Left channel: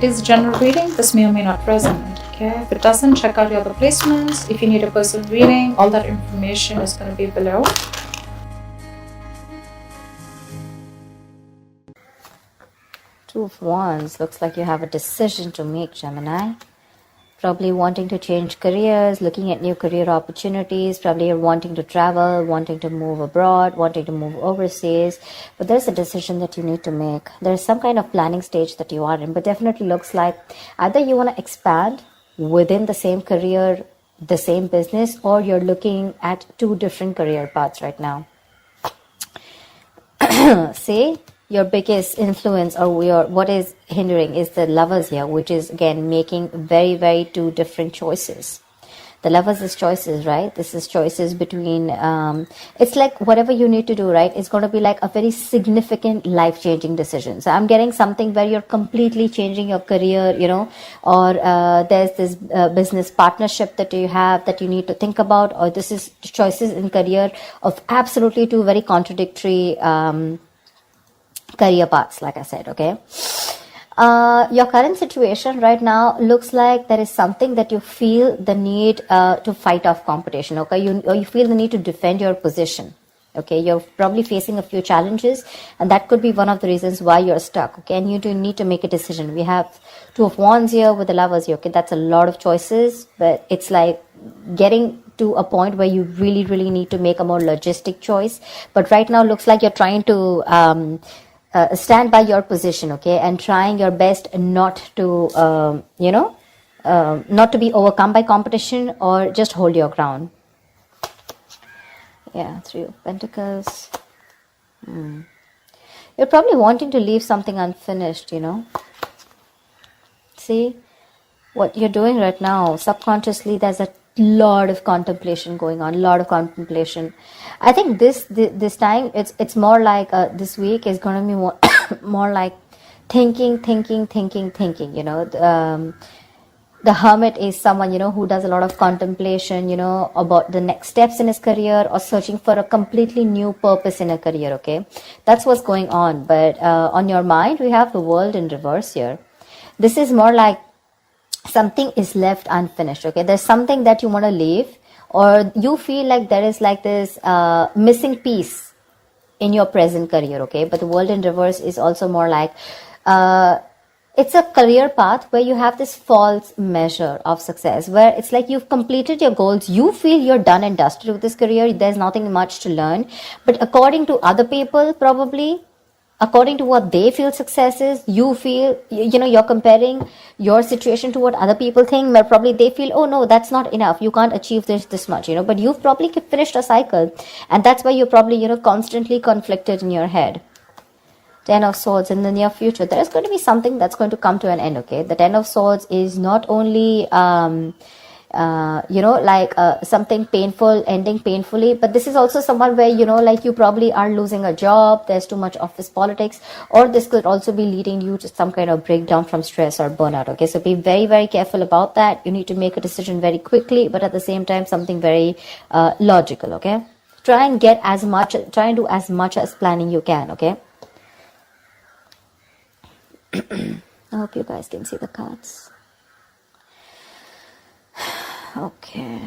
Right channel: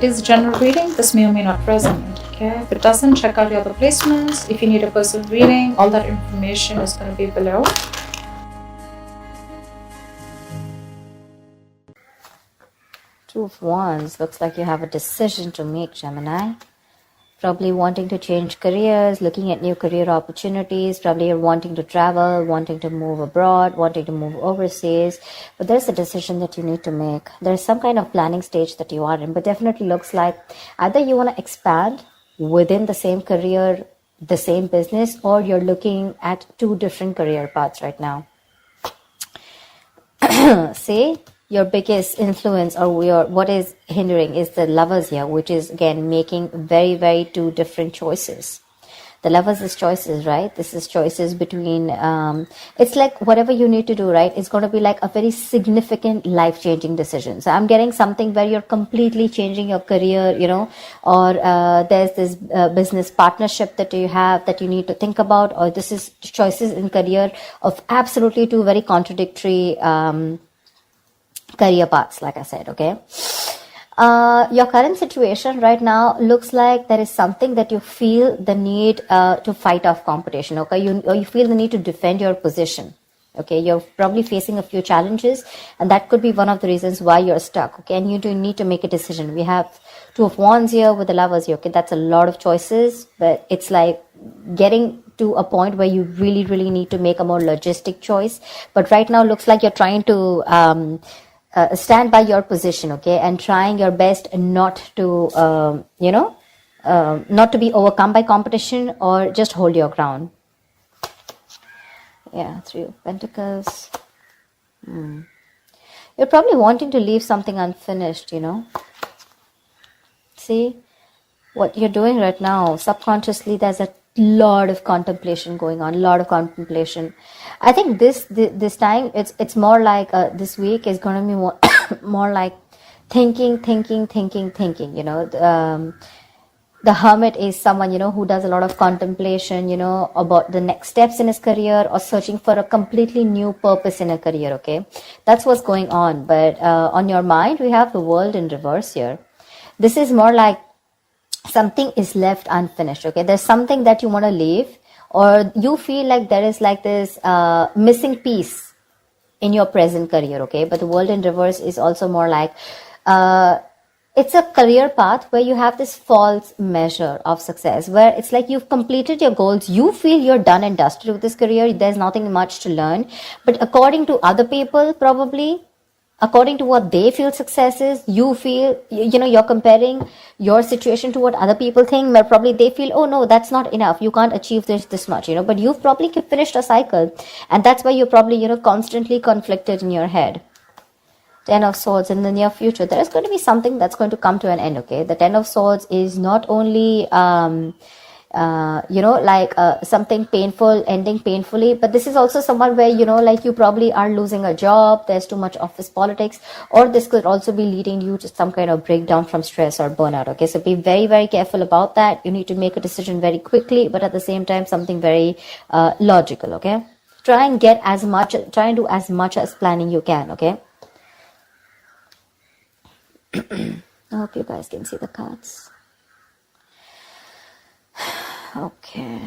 It is general reading. This may or may not resonate. Okay, if it doesn't, check out your other placements. If you need a personal reading, all that information is going to be below. Two of Wands. Looks like you have a decision to make, Gemini. Probably wanting to change careers, looking at new career opportunities. Probably you're wanting to travel, wanting to move abroad, wanting to move overseas. But there's a decision that you need to make. There's some kind of planning stage that you are in. But definitely looks like either you want to expand within the same career, the same business, or you're looking at two different career paths right now. See? Your biggest influence or what is hindering is the Lovers here, which is again making very, very two different choices. The Lovers is choices, right? This is choices between, it's like whatever you need to do, right? It's going to be like a very significant life-changing decision. So I'm getting something where you're completely changing your career, you know, or there's this business partnership that you have that you need to think about, or this is choices in career of absolutely two very contradictory career paths, like I said. Okay, your current situation right now looks like there is something that you feel the need to fight off competition. Okay, you feel the need to defend your position. Okay, you're probably facing a few challenges, and that could be one of the reasons why you're stuck. Okay, and you do need to make a decision. We have Two of Wands here with the Lovers here. Okay, that's a lot of choices, but it's like getting to a point where you really, really need to make a more logistic choice. But right now looks like you're trying to stand by your position, okay, and trying your best not to, not to be overcome by competition, or just hold your ground. Yeah, Three of Pentacles. You're probably wanting to leave something unfinished, you know. See, what you're doing right now, subconsciously, there's a lot of contemplation going on, I think this time it's more like this week is going to be more more like thinking, you know. The Hermit is someone, you know, who does a lot of contemplation, you know, about the next steps in his career, or searching for a completely new purpose in a career. Okay, that's what's going on. But on your mind, we have the World in reverse here. This is more like something is left unfinished. Okay, there's something that you want to leave, or you feel like there is like this missing piece in your present career. Okay, but the World in reverse is also more like it's a career path where you have this false measure of success, where it's like you've completed your goals, you feel you're done and dusted with this career, there's nothing much to learn. But according to other people, probably according to what they feel success is, you feel, you know, you're comparing your situation to what other people think, where probably they feel, oh no, that's not enough, you can't achieve this much, you know. But you've probably finished a cycle, and that's why you're probably, you know, constantly conflicted in your head. Ten of Swords. In the near future, there is going to be something that's going to come to an end. Okay, the Ten of Swords is not only something painful ending painfully, but this is also someone where, you know, like you probably are losing a job, there's too much office politics, or this could also be leading you to some kind of breakdown from stress or burnout. Okay, so be very, very careful about that. You need to make a decision very quickly, but at the same time something very logical. Okay, try and do as much as planning you can. Okay, I hope you guys can see the cards. Okay.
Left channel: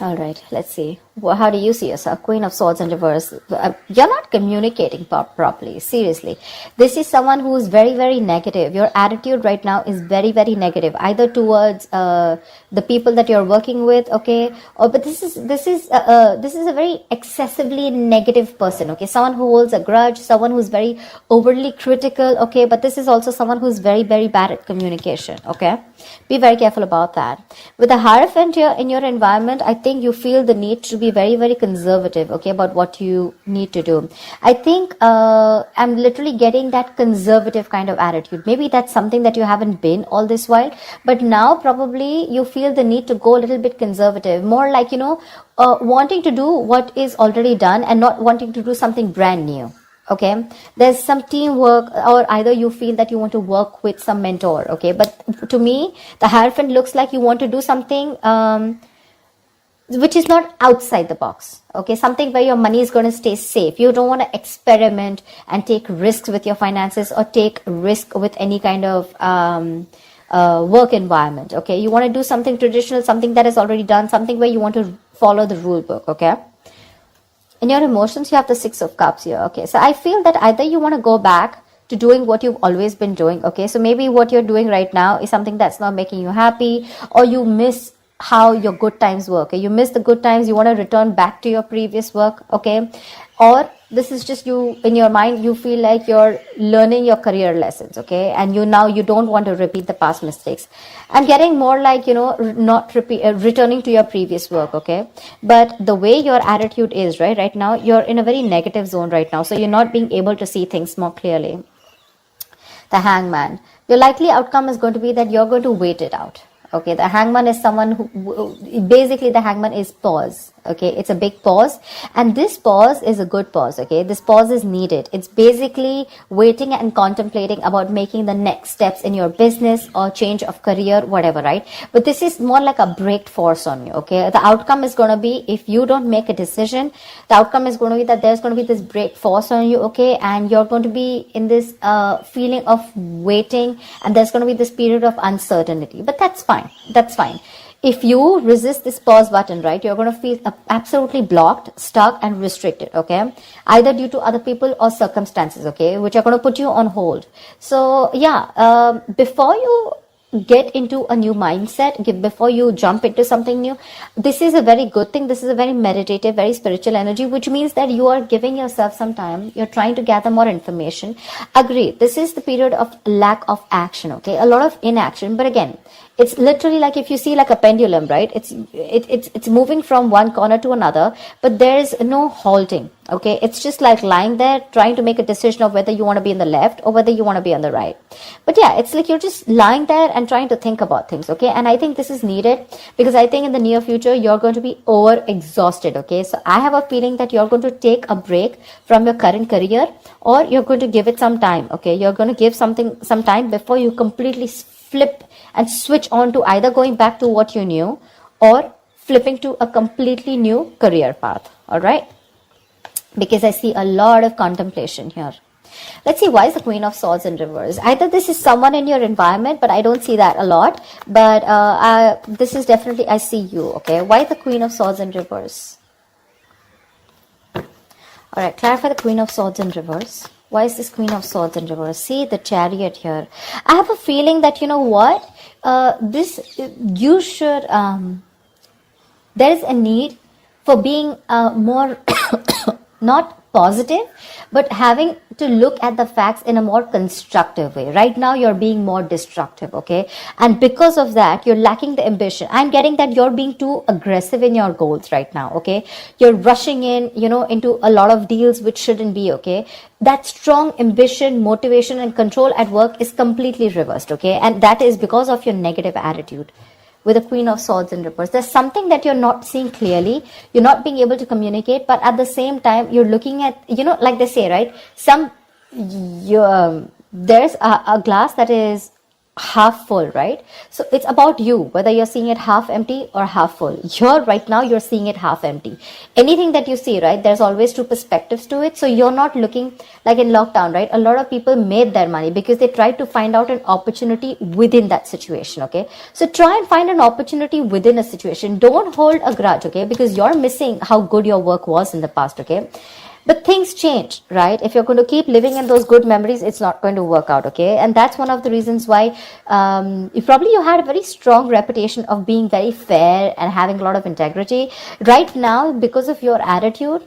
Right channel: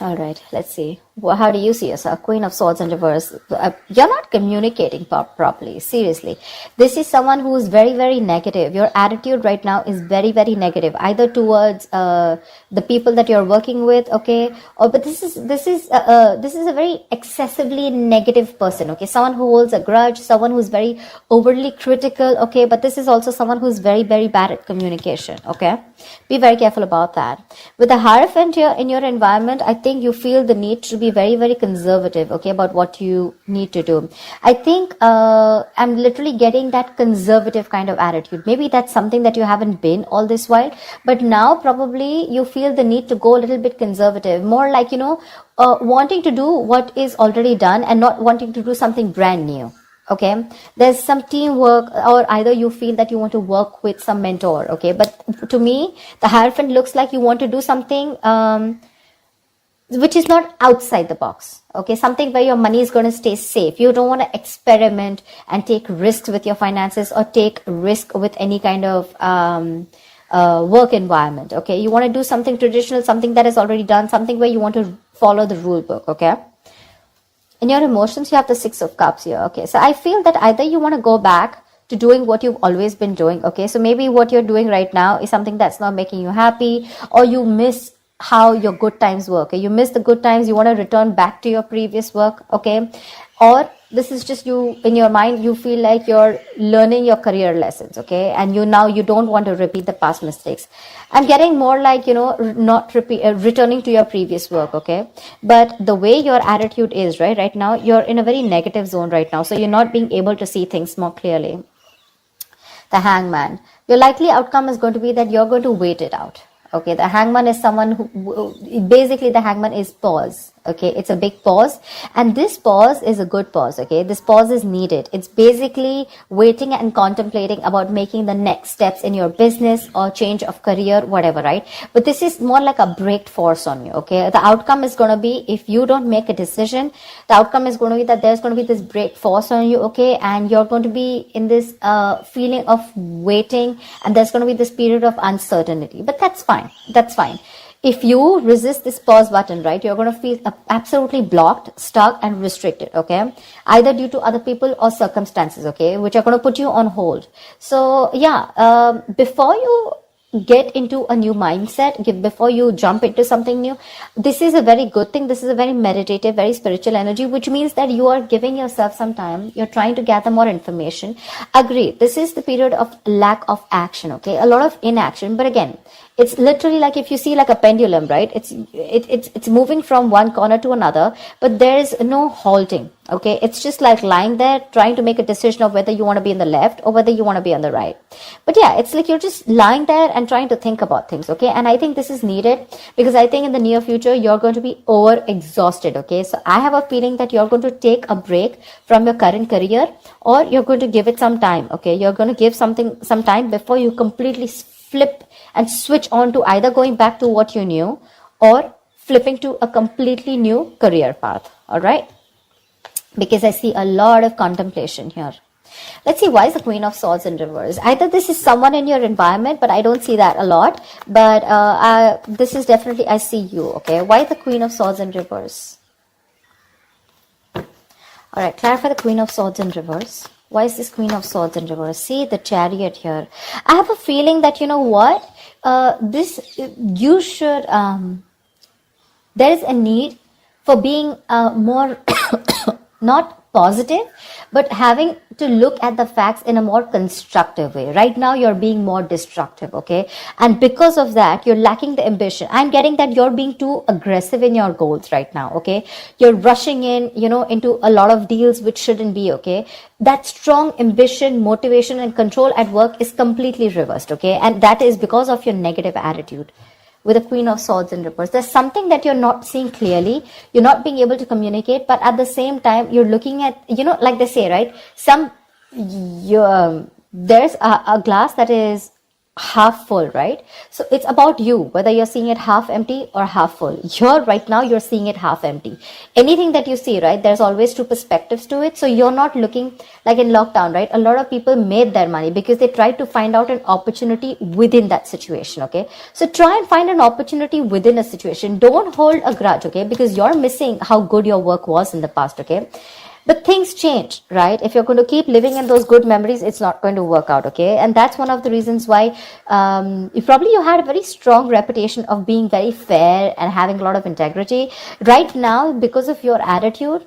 All right, let's see. Well, how do you see yourself? Queen of Swords in reverse. You're not communicating properly. Seriously. This is someone who is very, very negative. Your attitude right now is very, very negative, either towards the people that you're working with, okay? But this is a very excessively negative person, okay? Someone who holds a grudge, someone who's very overly critical, okay? But this is also someone who's very, very bad at communication, okay? Be very careful about that. With the Hierophant in your environment, I think you feel the need to be very, very conservative, okay, about what you need to do. I think I'm literally getting that conservative kind of attitude. Maybe that's something that you haven't been all this while, but now probably you feel the need to go a little bit conservative, more like, you know, wanting to do what is already done and not wanting to do something brand new. Okay, there's some teamwork, or either you feel that you want to work with some mentor. Okay, but to me, the Hierophant looks like you want to do something which is not outside the box. Okay, something where your money is going to stay safe. You don't want to experiment and take risks with your finances or take risk with any kind of work environment. Okay, you want to do something traditional, something that is already done, something where you want to follow the rule book. Okay. In your emotions, you have the Six of Cups here. Okay, so I feel that either you want to go back to doing what you've always been doing. Okay, so maybe what you're doing right now is something that's not making you happy, or you miss how your good times were. Okay, you miss the good times, you want to return back to your previous work. Okay, or this is just you in your mind, you feel like you're learning your career lessons. Okay, and you don't want to repeat the past mistakes. I'm getting more like, not returning to your previous work. Okay, but the way your attitude is right now, you're in a very negative zone right now, so you're not being able to see things more clearly. The Hangman, the likely outcome is going to be that you're going to wait it out. Okay, the Hangman is someone who basically, the Hangman is pause. Okay, it's a big pause, and this pause is a good pause. Okay, this pause is needed. It's basically waiting and contemplating about making the next steps in your business or change of career, whatever, right? But this is more like a break force on you. Okay, the outcome is going to be, if you don't make a decision, the outcome is going to be that there's going to be this break force on you. Okay, and you're going to be in this feeling of waiting, and there's going to be this period of uncertainty. But that's fine. That's fine. If you resist this pause button, right, you're going to feel absolutely blocked, stuck, and restricted. Okay, either due to other people or circumstances. Okay, which are going to put you on hold. So yeah, before you get into a new mindset, before you jump into something new, this is a very good thing. This is a very meditative, very spiritual energy, which means that you are giving yourself some time. You're trying to gather more information. Agree, this is the period of lack of action. Okay, a lot of inaction. But again, it's literally like, if you see like a pendulum, right? It's moving from one corner to another, but there is no halting. Okay, it's just like lying there trying to make a decision of whether you want to be in the left or whether you want to be on the right. But yeah, it's like you're just lying there and trying to think about things. Okay, and I think this is needed, because I think in the near future you're going to be over exhausted. Okay, so I have a feeling that you're going to take a break from your current career, or you're going to give it some time. Okay, you're going to give some time before you completely flip and switch on to either going back to what you knew or flipping to a completely new career path. All right, because I see a lot of contemplation here. Let's see, why is the Queen of Swords in reverse? Either this is someone in your environment, but I don't see that a lot. But this is definitely, I see you. Okay, why the Queen of Swords in reverse? All right, clarify the Queen of Swords in reverse. Why is this Queen of Swords in reverse? See the Chariot here. I have a feeling that, you know what, you should, there's a need for being more, not positive, but having to look at the facts in a more constructive way. Right now, you're being more destructive, okay? And because of that, you're lacking the ambition. I'm getting that you're being too aggressive in your goals right now, okay? You're rushing in, into a lot of deals which shouldn't be, okay? That strong ambition, motivation, and control at work is completely reversed, okay? And that is because of your negative attitude. With a Queen of Swords in reverse, there's something that you're not seeing clearly. You're not being able to communicate, but at the same time, you're looking at, like they say, right? There's a glass that is half full, right? So it's about you, whether you're seeing it half empty or half full. Right now, you're seeing it half empty. Anything that you see, right, there's always two perspectives to it. So you're not looking like in lockdown, right? A lot of people made their money because they tried to find out an opportunity within that situation, okay? So try and find an opportunity within a situation. Don't hold a grudge, okay? Because you're missing how good your work was in the past, okay? But things change, right? If you're going to keep living in those good memories, it's not going to work out, okay? And that's one of the reasons why you had a very strong reputation of being very fair and having a lot of integrity. Right now, because of your attitude,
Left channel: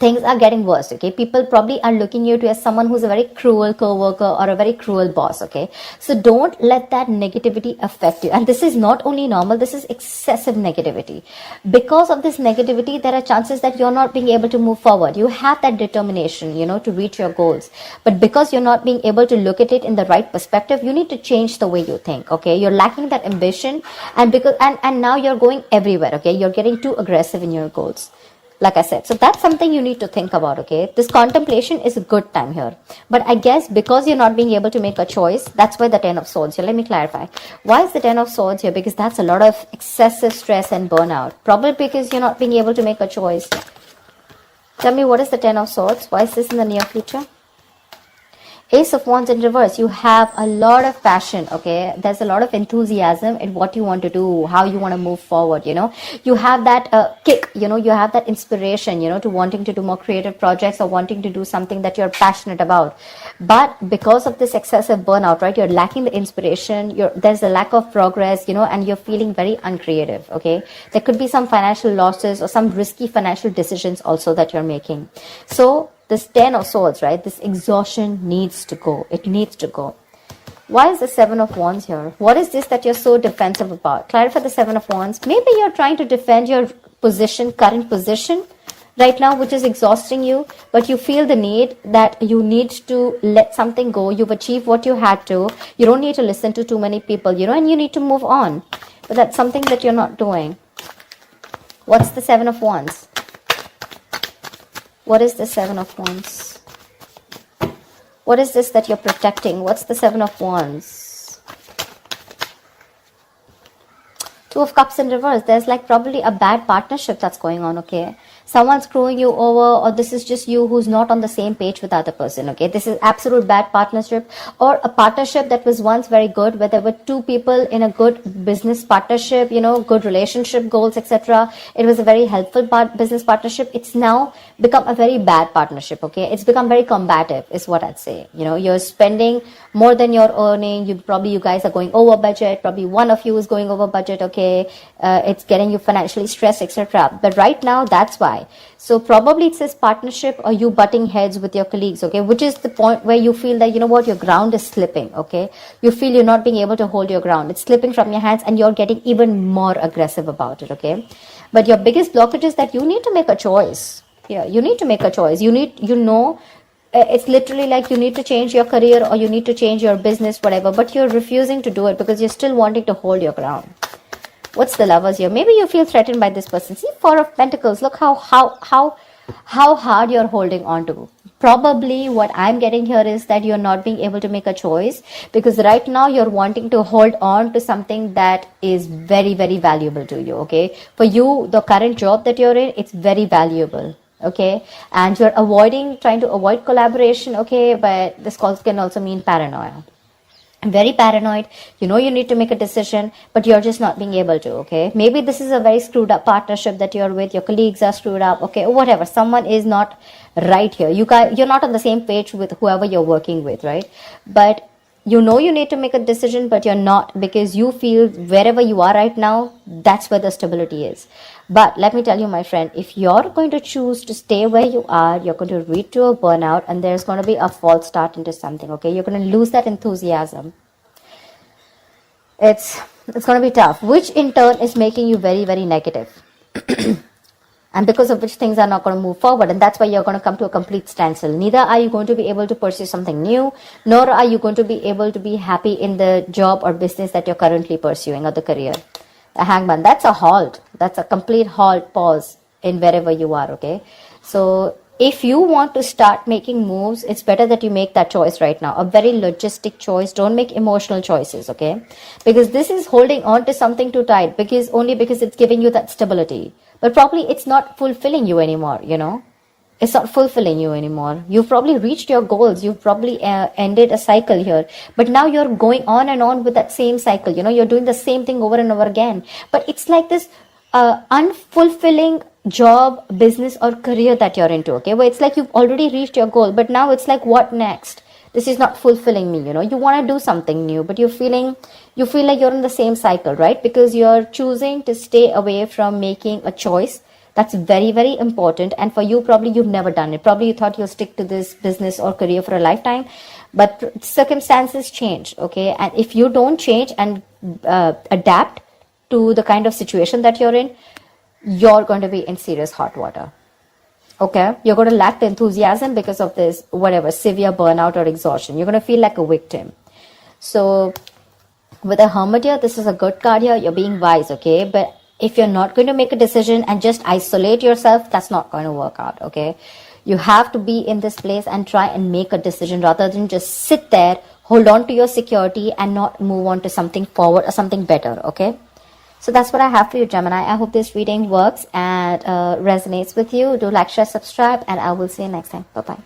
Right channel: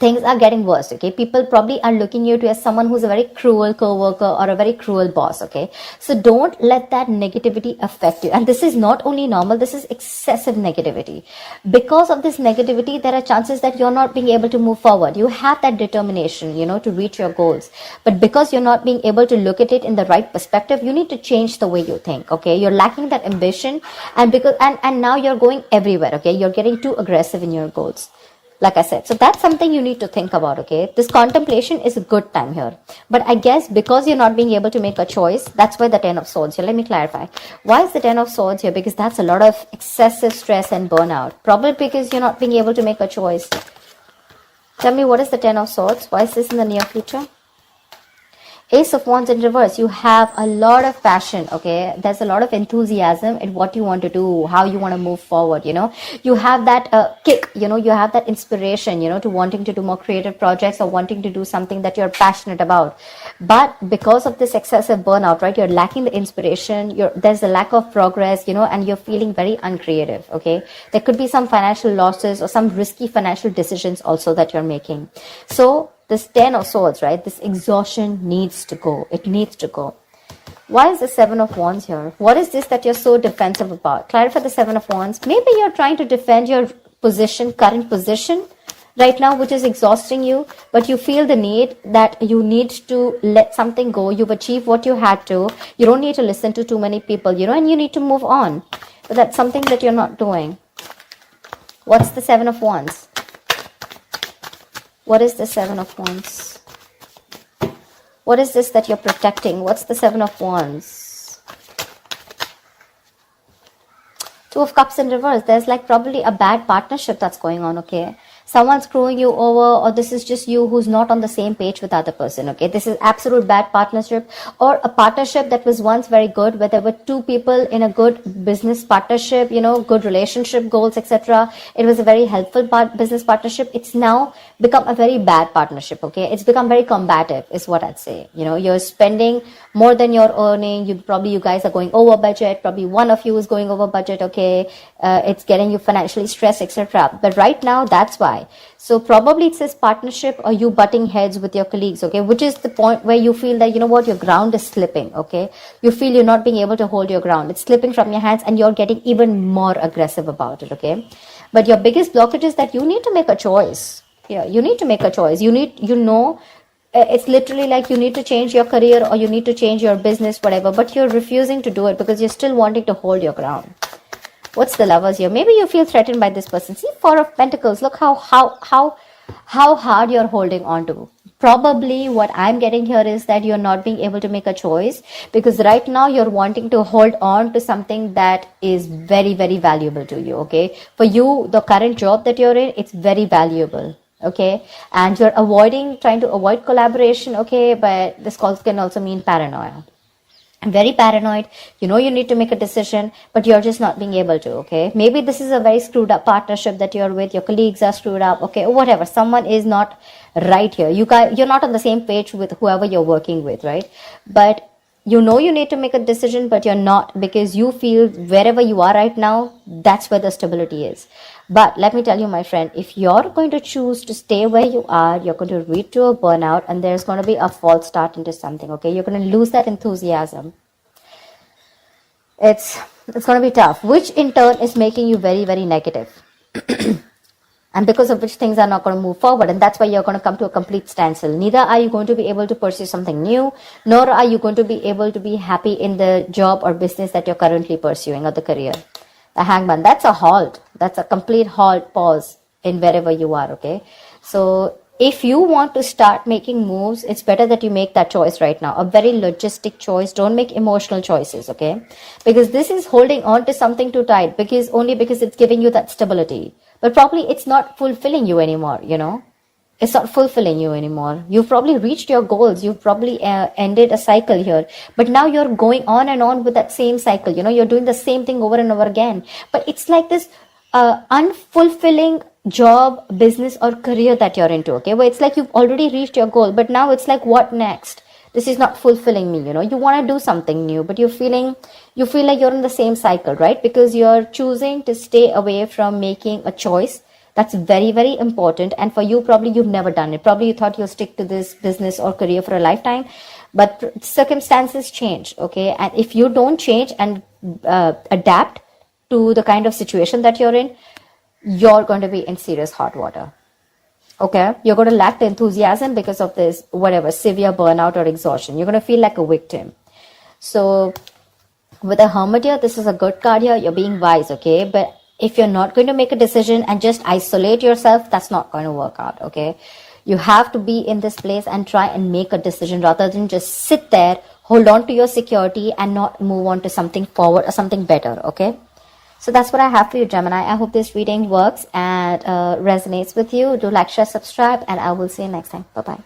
things are getting worse, okay? People probably are looking at you as someone who's a very cruel co-worker or a very cruel boss, okay? So don't let that negativity affect you. And this is not only normal, this is excessive negativity. Because of this negativity, there are chances that you're not being able to move forward. You have that determination, to reach your goals. But because you're not being able to look at it in the right perspective, you need to change the way you think, okay? You're lacking that ambition, and now you're going everywhere, okay? You're getting too aggressive in your goals. Like I said, so that's something you need to think about, okay? This contemplation is a good time here. But I guess because you're not being able to make a choice, that's why the Ten of Swords. So let me clarify. Why is the Ten of Swords here? Because that's a lot of excessive stress and burnout. Probably because you're not being able to make a choice. Tell me, what is the Ten of Swords? Why is this in the near future? Ace of Wands in reverse. You have a lot of passion, okay? There's a lot of enthusiasm in what you want to do, how you want to move forward, you know? You have that kick, you know? You have that inspiration, you know, to wanting to do more creative projects or wanting to do something that you're passionate about. But because of this excessive burnout, right, you're lacking the inspiration, there's a lack of progress, you know, and you're feeling very uncreative, okay? There could be some financial losses or some risky financial decisions also that you're making. So, this Ten of Swords, right? This exhaustion needs to go. It needs to go. Why is the Seven of Wands here? What is this that you're so defensive about? Clarify the Seven of Wands. Maybe you're trying to defend your position, current position right now, which is exhausting you, but you feel the need that you need to let something go. You've achieved what you had to. You don't need to listen to too many people, you know, and you need to move on. But that's something that you're not doing. What's the Seven of Wands? What is the Seven of Wands? What is this that you're protecting? What's the Seven of Wands? Two of Cups in reverse. There's like probably a bad partnership that's going on, okay? Someone's screwing you over, or this is just you who's not on the same page with the other person, okay? This is absolute bad partnership, or a partnership that was once very good, where there were two people in a good business partnership, you know, good relationship goals, etc. It was a very helpful business partnership. It's now become a very bad partnership, okay? It's become very combative, is what I'd say. You know, you're spending more than you're earning. You guys are going over budget. Probably one of you is going over budget, okay? It's getting you financially stressed, etc. But right now, that's why. So probably it says partnership or you butting heads with your colleagues, okay? Which is the point where you feel that, you know what, your ground is slipping, okay? You feel you're not being able to hold your ground. It's slipping from your hands and you're getting even more aggressive about it, okay? But your biggest blockage is that you need to make a choice. Yeah, you need to make a choice. It's literally like you need to change your career or you need to change your business, whatever, but you're refusing to do it because you're still wanting to hold your ground. What's the Lovers here? Maybe you feel threatened by this person. See, Four of Pentacles. Look how hard you're holding on to. Probably what I'm getting here is that you're not being able to make a choice because right now you're wanting to hold on to something that is very, very valuable to you, okay? For you, the current job that you're in, it's very valuable, okay? And you're trying to avoid collaboration, okay? But this can also mean paranoia. Very paranoid, you know you need to make a decision, but you're just not being able to, okay? Maybe this is a very screwed up partnership that you're with, your colleagues are screwed up, okay, or whatever, someone is not right here. You're not on the same page with whoever you're working with, right? But you know you need to make a decision, but you're not because you feel wherever you are right now, that's where the stability is. But let me tell you, my friend, if you're going to choose to stay where you are, you're going to lead to a burnout and there's going to be a false start into something, okay? You're going to lose that enthusiasm. It's going to be tough, which in turn is making you very, very negative. And because of which things are not going to move forward. And that's why you're going to come to a complete standstill. Neither are you going to be able to pursue something new, nor are you going to be able to be happy in the job or business that you're currently pursuing or the career. The Hangman, that's a halt. That's a complete halt, pause in wherever you are, okay? So if you want to start making moves, it's better that you make that choice right now. A very logistic choice. Don't make emotional choices, okay? Because this is holding on to something too tight because it's giving you that stability. But probably it's not fulfilling you anymore, you know? It's not fulfilling you anymore. You've probably reached your goals. You've probably ended a cycle here. But now you're going on and on with that same cycle. You know, you're doing the same thing over and over again. But it's like this unfulfilling job, business or career that you're into, okay? Where it's like you've already reached your goal. But now it's like, what next? This is not fulfilling me, you know? You want to do something new, but you feel like you're in the same cycle, right? Because you're choosing to stay away from making a choice. That's very, very important. And for you, probably you've never done it. Probably you thought you'll stick to this business or career for a lifetime. But circumstances change, okay? And if you don't change and adapt to the kind of situation that you're in, you're going to be in serious hot water, okay? You're going to lack the enthusiasm because of this, whatever, severe burnout or exhaustion. You're going to feel like a victim. So with the Hermit here, this is a good card here. You're being wise, okay? But If you're not going to make a decision and just isolate yourself, that's not going to work out, okay? You have to be in this place and try and make a decision rather than just sit there, hold on to your security and not move on to something forward or something better, okay? So that's what I have for you, Gemini. I hope this reading works and resonates with you. Do like, share, subscribe, and I will see you next time. Bye-bye.